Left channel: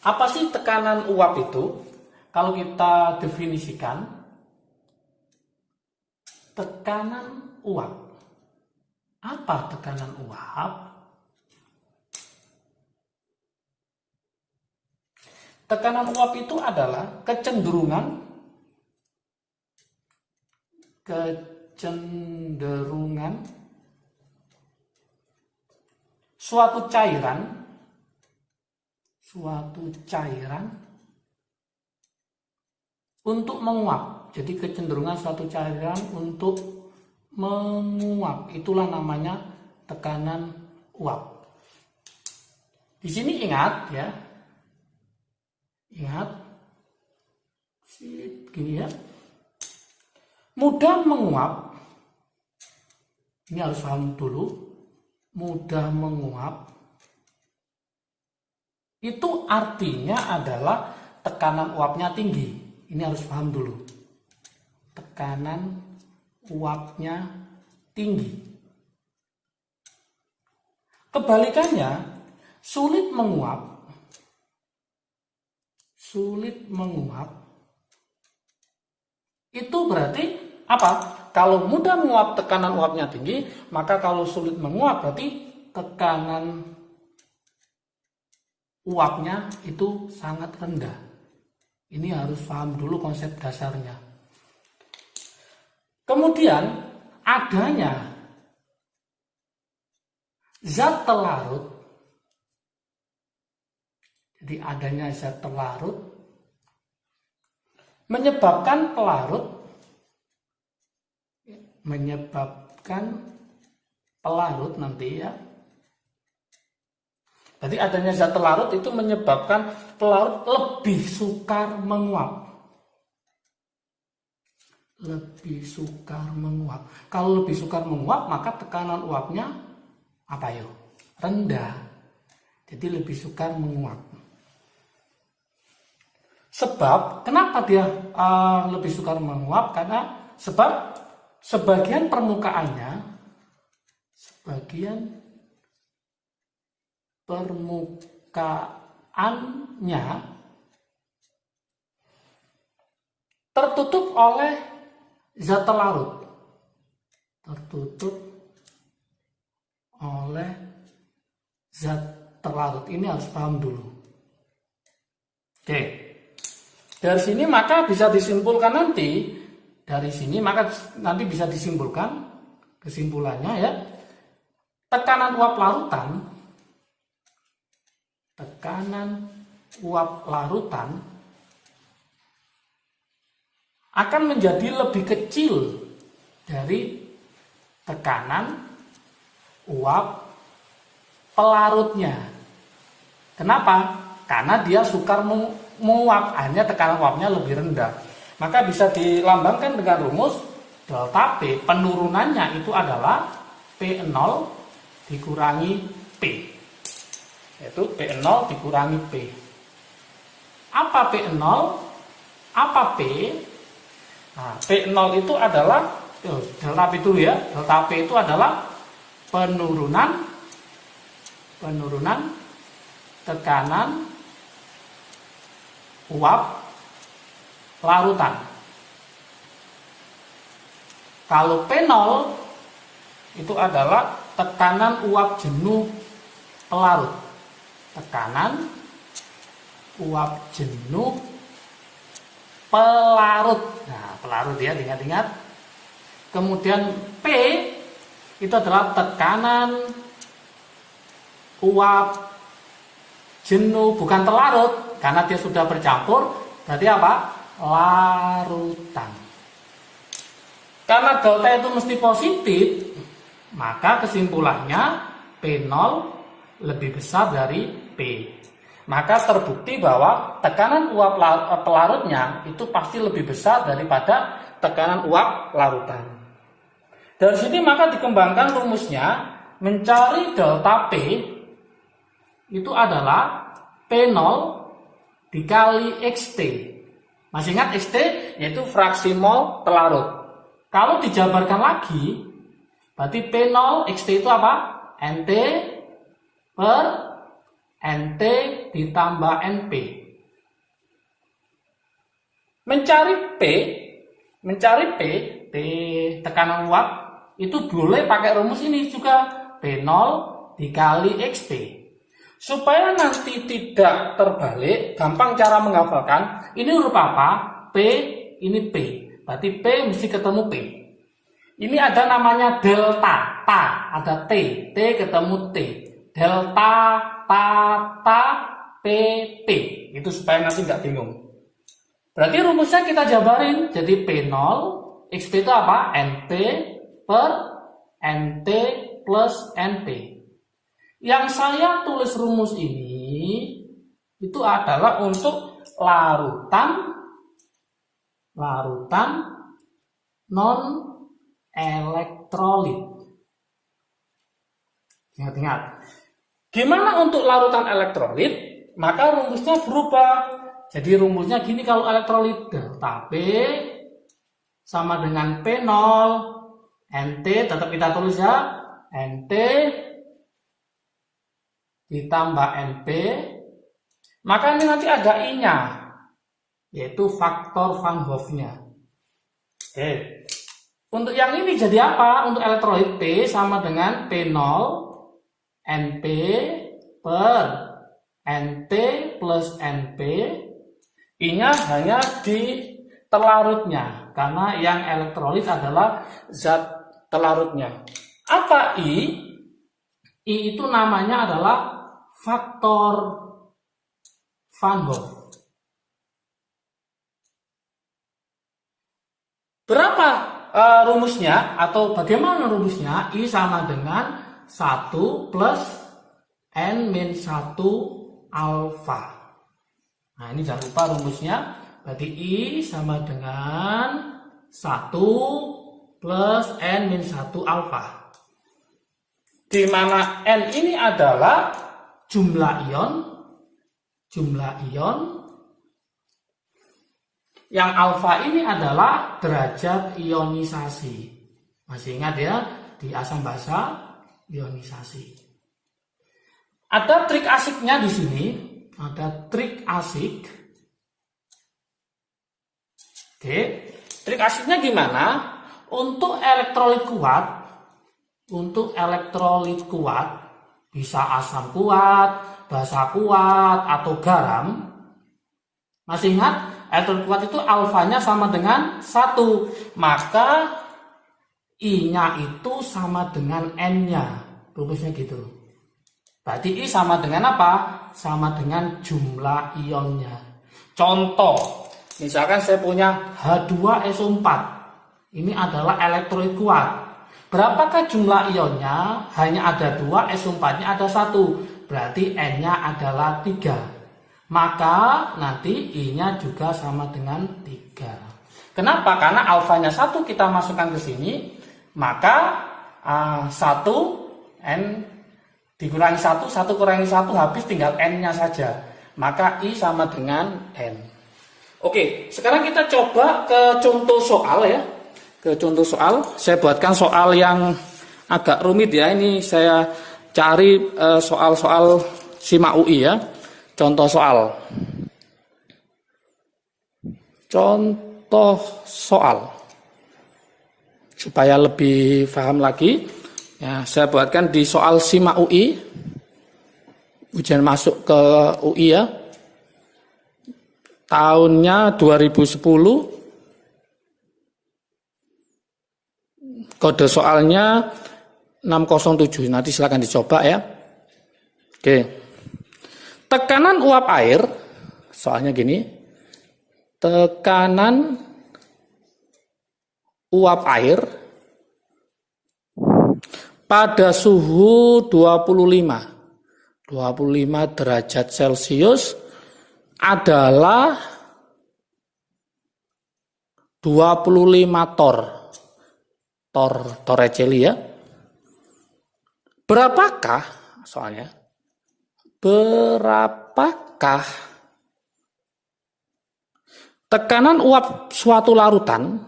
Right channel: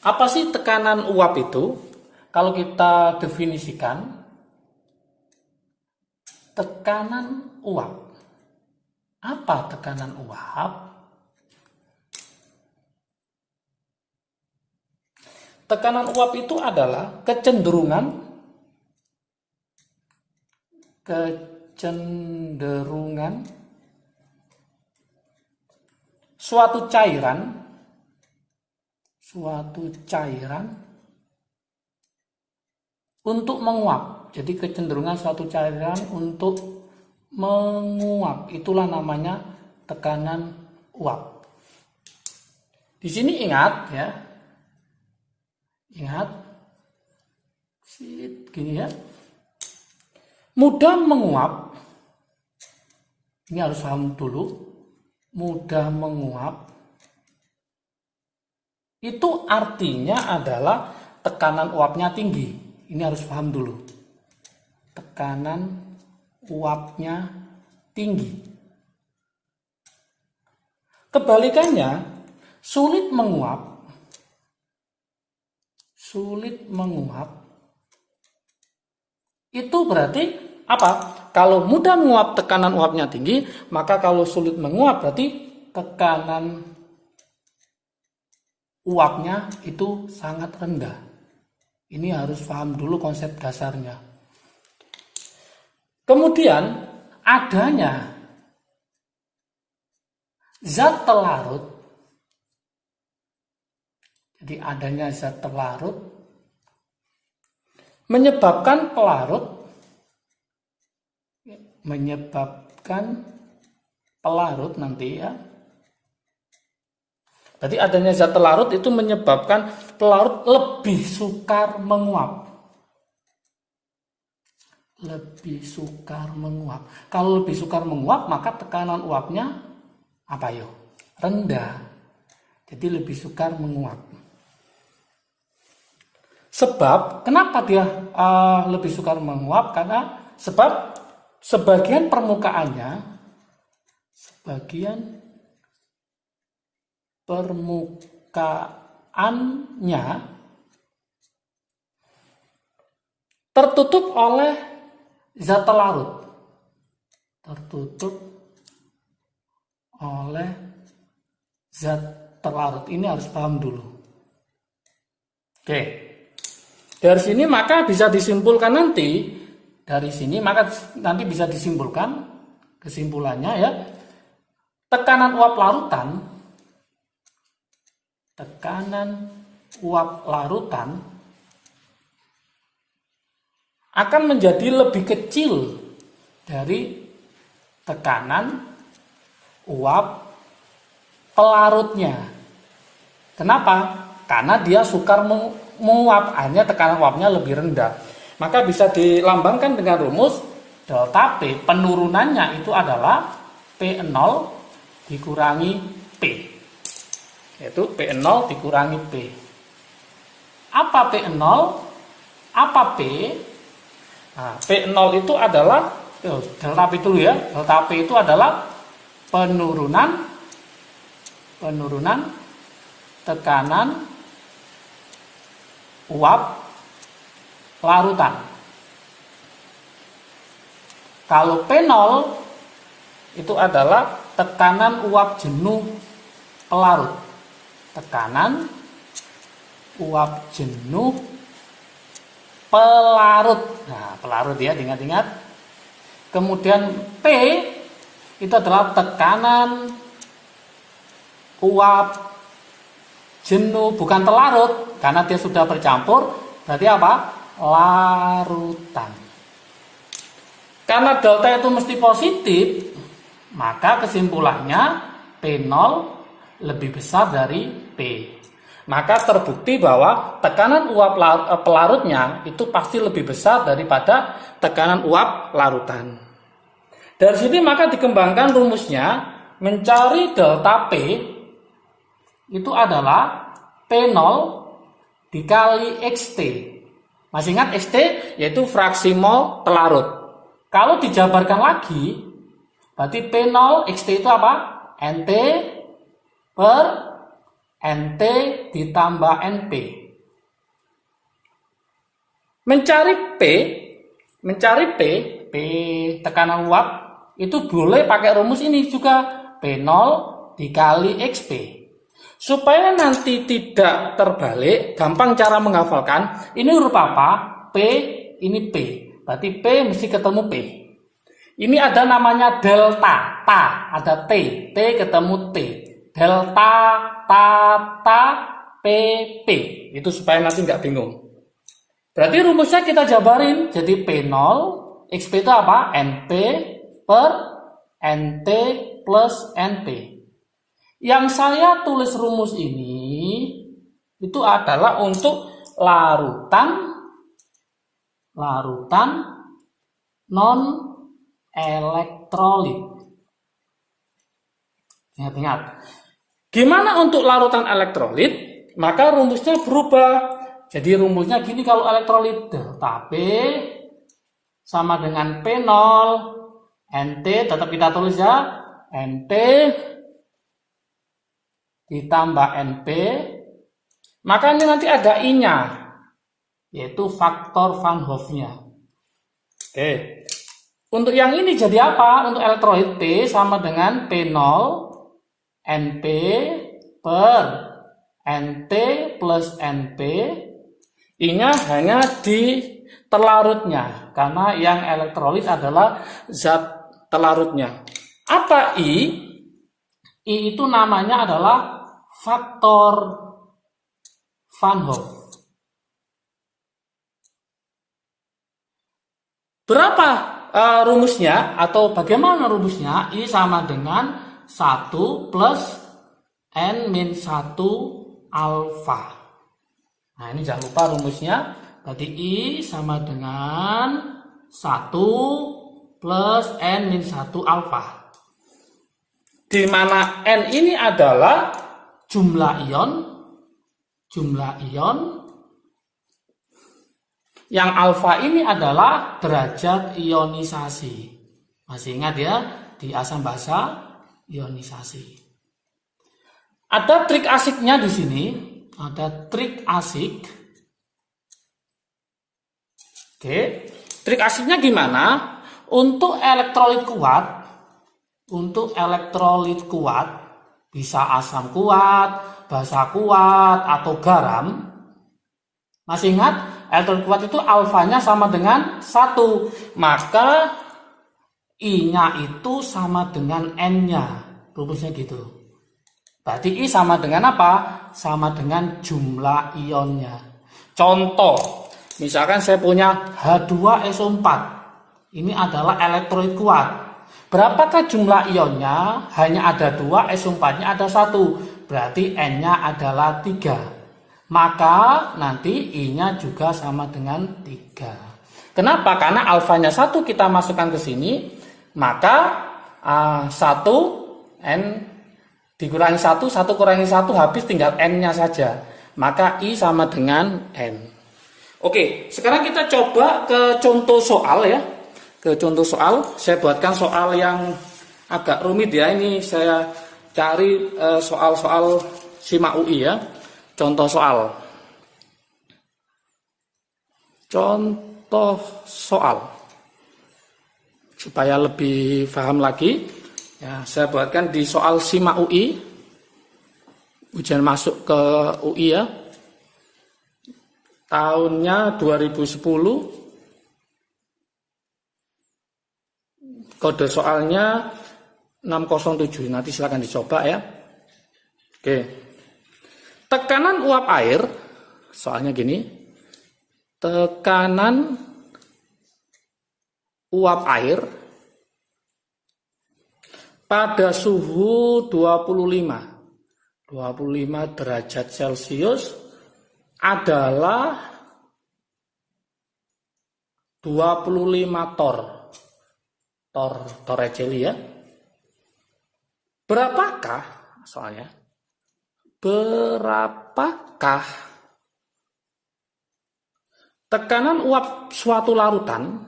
Apa sih tekanan uap itu? Kalau kita definisikan, tekanan uap. Apa tekanan uap? Tekanan uap itu adalah kecenderungan suatu cairan untuk menguap. Jadi kecenderungan suatu cairan untuk menguap, itulah namanya tekanan uap. Di sini ingat ya. Ingat. Gini ya. Mudah menguap. Ini harus paham dulu. Mudah menguap itu artinya adalah tekanan uapnya tinggi. Ini harus paham dulu. Tekanan uapnya tinggi. Kebalikannya, sulit menguap itu berarti apa? Kalau mudah menguap tekanan uapnya tinggi, maka kalau sulit menguap berarti tekanan uapnya itu sangat rendah. Ini harus paham dulu konsep dasarnya. Kemudian adanya zat pelarut. Jadi adanya zat pelarut menyebabkan pelarut nanti ya. Berarti adanya zat pelarut itu menyebabkan pelarut lebih sukar menguap. Kalau lebih sukar menguap, maka tekanan uapnya apa yo? Rendah. Jadi lebih sukar menguap. Sebab kenapa dia lebih sukar menguap? Karena sebab sebagian permukaannya tertutup oleh zat pelarut. Ini harus paham dulu. Oke. Dari sini maka bisa disimpulkan bisa disimpulkan kesimpulannya ya. Tekanan uap larutan akan menjadi lebih kecil dari tekanan uap pelarutnya. Kenapa? Karena dia sukar menguap, hanya tekanan uapnya lebih rendah. Maka bisa dilambangkan dengan rumus delta P. Penurunannya itu adalah P0 dikurangi P. Yaitu P0 dikurangi P. Apa P0? Apa P? Nah, P0 itu adalah delta P dulu ya. Delta P itu adalah penurunan tekanan uap larutan. Kalau P0 itu adalah tekanan uap jenuh pelarut. Tekanan uap jenuh pelarut. Nah, pelarut ya, ingat-ingat. Kemudian P itu adalah tekanan uap jenuh, bukan pelarut, karena dia sudah bercampur, berarti apa? Larutan. Karena delta itu mesti positif, maka kesimpulannya P0 lebih besar dari P. Maka terbukti bahwa tekanan uap pelarutnya itu pasti lebih besar daripada tekanan uap larutan. Dari sini maka dikembangkan rumusnya, mencari delta P itu adalah P0 dikali XT. Masih ingat XT? Yaitu fraksi mol pelarut. Kalau dijabarkan lagi, berarti P0 XT itu apa? NT per NT ditambah NP. Mencari P tekanan uap itu boleh pakai rumus ini juga, P0 dikali XP. Supaya nanti tidak terbalik, gampang cara menghafalkan. Ini huruf apa? P, ini P. Berarti P mesti ketemu P. Ini ada namanya delta, ada T ketemu T. Delta, P, P. Itu supaya nanti nggak bingung. Berarti rumusnya kita jabarin. Jadi P0, XP itu apa? NP per NT plus NP. Yang saya tulis rumus ini itu adalah untuk larutan non elektrolit. Ingat-ingat. Gimana untuk larutan elektrolit? Maka rumusnya berubah. Jadi rumusnya gini kalau elektrolit, delta P sama dengan P0 NT, tetap kita tulis ya, NT ditambah NP, maka ini nanti ada I-nya, yaitu faktor Van Hoff-nya. Oke. Untuk yang ini jadi apa? Untuk elektrolit P sama dengan P0 NP per NT plus NP. I-nya hanya di terlarutnya, karena yang elektrolit adalah zat terlarutnya. Apa I? I itu namanya adalah faktor Van Hoff. Berapa rumusnya atau bagaimana rumusnya? I sama dengan 1 plus N-1 alfa. Nah ini jangan lupa rumusnya. Berarti I sama dengan 1 plus N-1 alfa. Di mana N ini adalah jumlah ion, yang alfa ini adalah derajat ionisasi. Masih ingat ya, di asam basa ionisasi. Ada trik asiknya di sini, ada trik asik. Oke, trik asiknya gimana? Untuk elektrolit kuat, bisa asam kuat, basa kuat, atau garam. Masih ingat? Elektrolit kuat itu alfanya sama dengan 1. Maka I-nya itu sama dengan N-nya. Rumusnya gitu. Berarti I sama dengan apa? Sama dengan jumlah ionnya. Contoh, misalkan saya punya H2SO4. Ini adalah elektrolit kuat. Berapakah jumlah ionnya? Hanya ada 2, SO4-nya ada 1. Berarti N-nya adalah 3. Maka nanti I-nya juga sama dengan 3. Kenapa? Karena alfanya 1 kita masukkan ke sini. Maka 1 N dikurangi 1, 1 kurangi 1 habis tinggal N-nya saja. Maka I sama dengan N. Oke, sekarang kita coba ke contoh soal ya. Ke contoh soal, saya buatkan soal yang agak rumit ya. Ini saya cari soal-soal SIMA UI ya. Contoh soal. Supaya lebih paham lagi, ya, saya buatkan di soal SIMA UI. Ujian masuk ke UI ya. Tahunnya 2010. Kode soalnya 607. Nanti silakan dicoba ya. Oke. Tekanan uap air, soalnya gini. Tekanan uap air pada suhu 25 derajat Celcius adalah 25 torricelli ya. Berapakah tekanan uap suatu larutan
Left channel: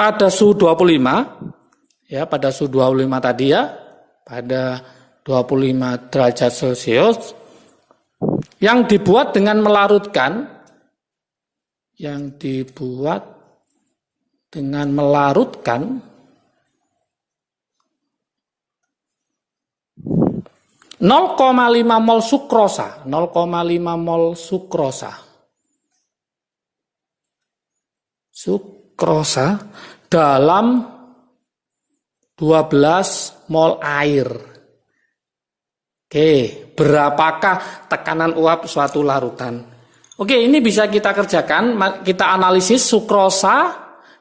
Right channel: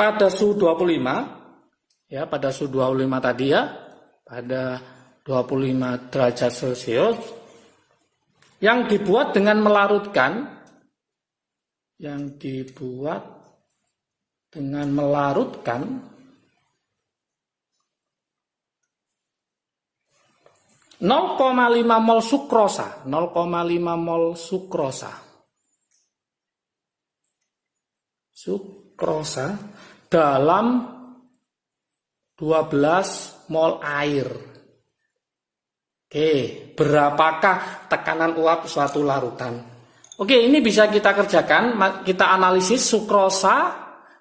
pada suhu 25, ya pada suhu 25 tadi ya, pada 25 derajat Celcius, yang dibuat dengan melarutkan, 0,5 mol sukrosa, 0,5 mol sukrosa dalam 12 mol air. Oke, berapakah tekanan uap suatu larutan? Oke, ini bisa kita kerjakan, kita analisis sukrosa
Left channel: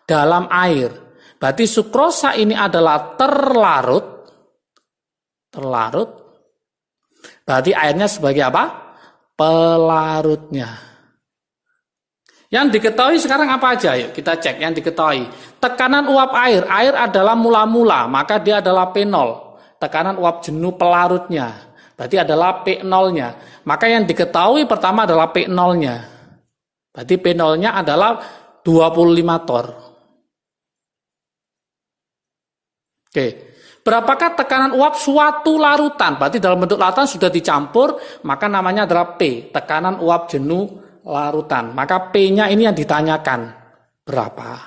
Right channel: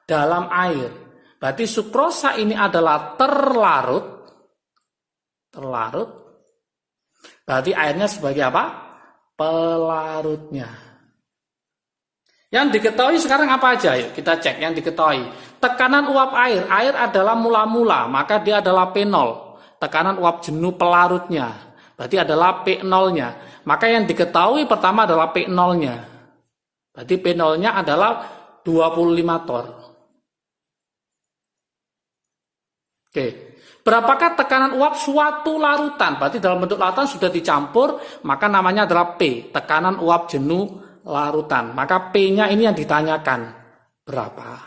dalam air. Berarti sukrosa ini adalah terlarut. Berarti airnya sebagai apa? Pelarutnya. Yang diketahui sekarang apa aja? Yuk kita cek yang diketahui. Tekanan uap air. Air adalah mula-mula, maka dia adalah P0. Tekanan uap jenuh pelarutnya. Berarti adalah P0-nya. Maka yang diketahui pertama adalah P0-nya. Berarti P0-nya adalah 25 torr. Oke. Berapakah tekanan uap suatu larutan? Berarti dalam bentuk larutan sudah dicampur, maka namanya adalah P, tekanan uap jenuh larutan. Maka P-nya ini yang ditanyakan. Berapa?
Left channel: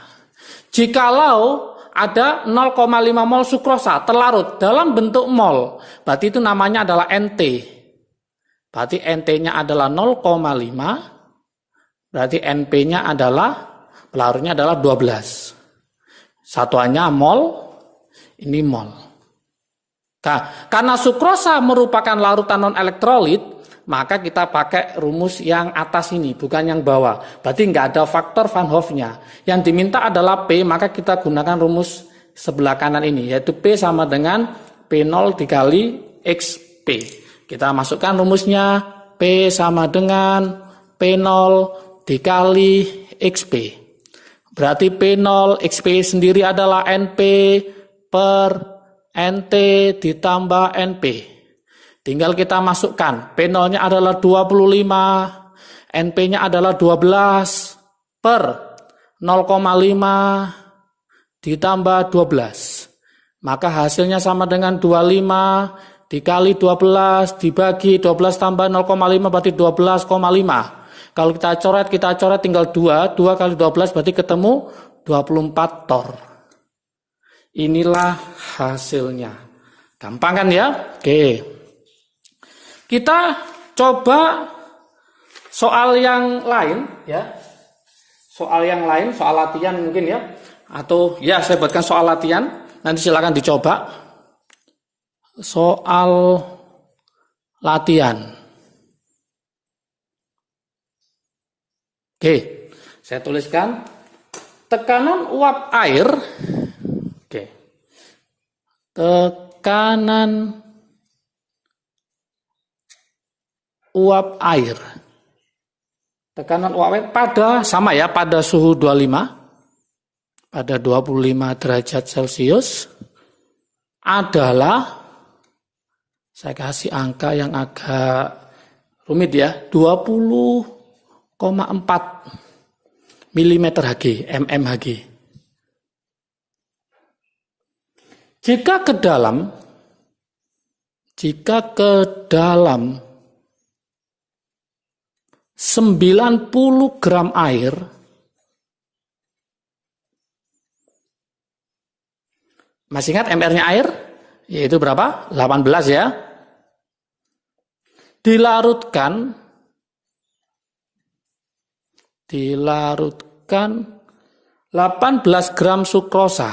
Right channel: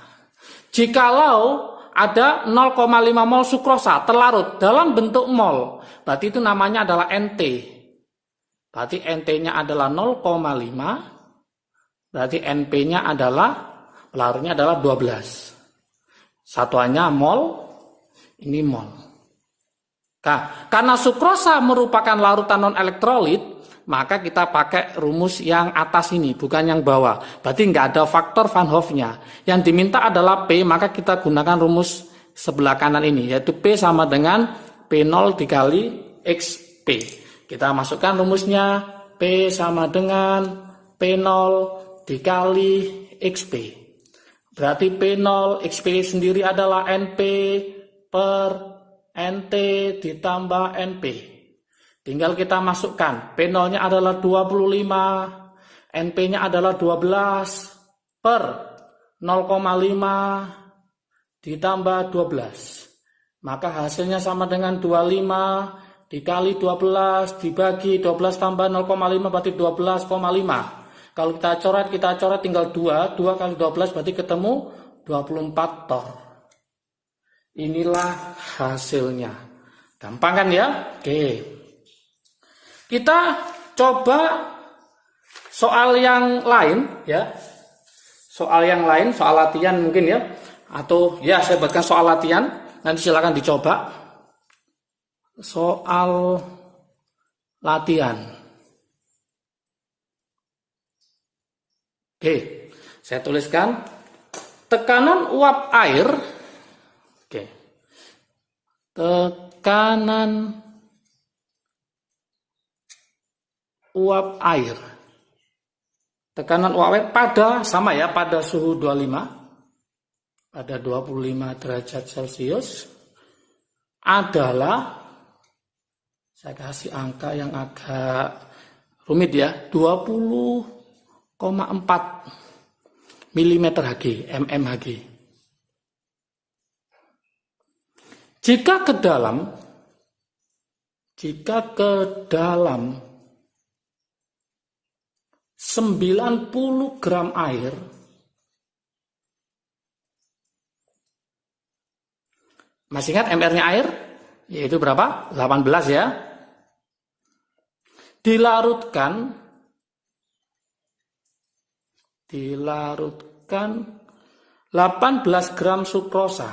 Jikalau ada 0,5 mol sukrosa terlarut dalam bentuk mol, berarti itu namanya adalah NT. Berarti NT-nya adalah 0,5, berarti NP-nya adalah, pelarutnya adalah 12. Satuannya mol, ini mol. Nah, karena sukrosa merupakan larutan non-elektrolit, maka kita pakai rumus yang atas ini, bukan yang bawah. Berarti nggak ada faktor Van Hoff-nya. Yang diminta adalah P, maka kita gunakan rumus sebelah kanan ini, yaitu P sama dengan P0 dikali XP. Kita masukkan rumusnya, P sama dengan P0 dikali XP. Berarti P0 XP sendiri adalah NP per NT ditambah NP. Tinggal kita masukkan. P0-nya adalah 25, NP-nya adalah 12 per 0,5 ditambah 12. Maka hasilnya sama dengan 25 dikali 12 dibagi 12 tambah 0,5 berarti 12,5. Kalau kita coret tinggal 2 kali 12 berarti ketemu 24 torr. Inilah hasilnya. Gampang kan ya? Oke. Kita coba soal yang lain ya. Soal yang lain, soal latihan mungkin ya. Atau ya saya buatkan soal latihan. Nanti silakan dicoba. Soal latihan. Oke. Saya tuliskan tekanan uap air. Oke. Tekanan uap air. Tekanan uap air pada sama ya, pada suhu 25, pada 25 derajat Celcius adalah, saya kasih angka yang agak rumit ya, 20,4 mm Hg, mmHg. Jika ke dalam 90 gram air, masih ingat MR-nya air? Yaitu berapa? 18 ya. Dilarutkan 18 gram sukrosa.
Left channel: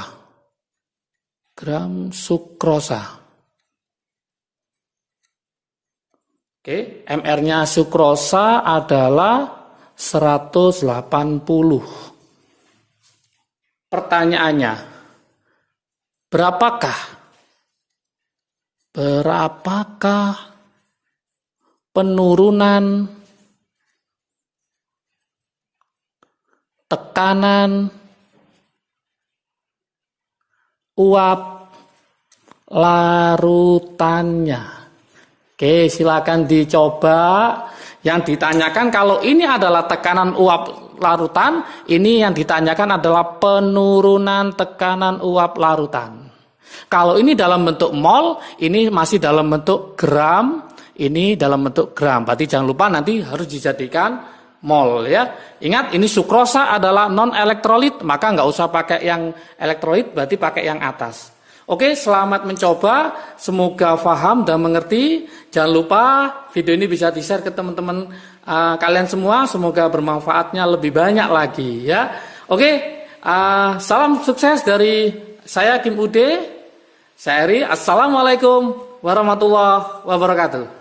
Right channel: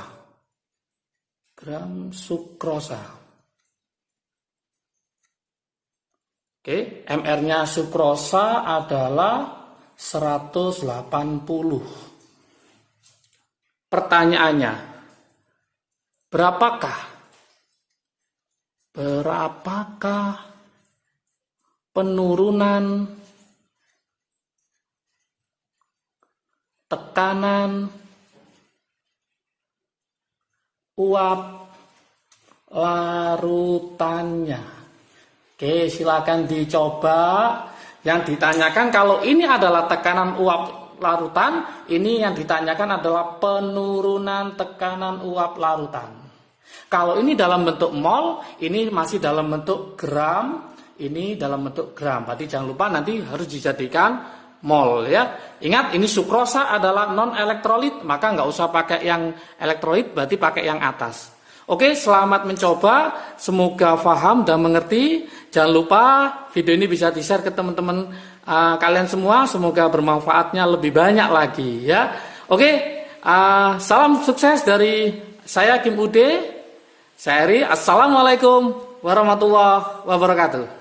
Oke, MR-nya sukrosa adalah 180. Pertanyaannya, berapakah penurunan tekanan uap larutannya? Oke, silakan dicoba. Yang ditanyakan kalau ini adalah tekanan uap larutan, ini yang ditanyakan adalah penurunan tekanan uap larutan. Kalau ini dalam bentuk mol, ini masih dalam bentuk gram, ini dalam bentuk gram. Berarti jangan lupa nanti harus dijadikan mol ya. Ingat ini sukrosa adalah non elektrolit, maka nggak usah pakai yang elektrolit, berarti pakai yang atas. Oke, selamat mencoba, semoga paham dan mengerti. Jangan lupa video ini bisa di-share ke teman-teman kalian semua, semoga bermanfaatnya lebih banyak lagi ya. Oke, salam sukses dari saya Kim Ude. Saya Eri, assalamualaikum warahmatullahi wabarakatuh.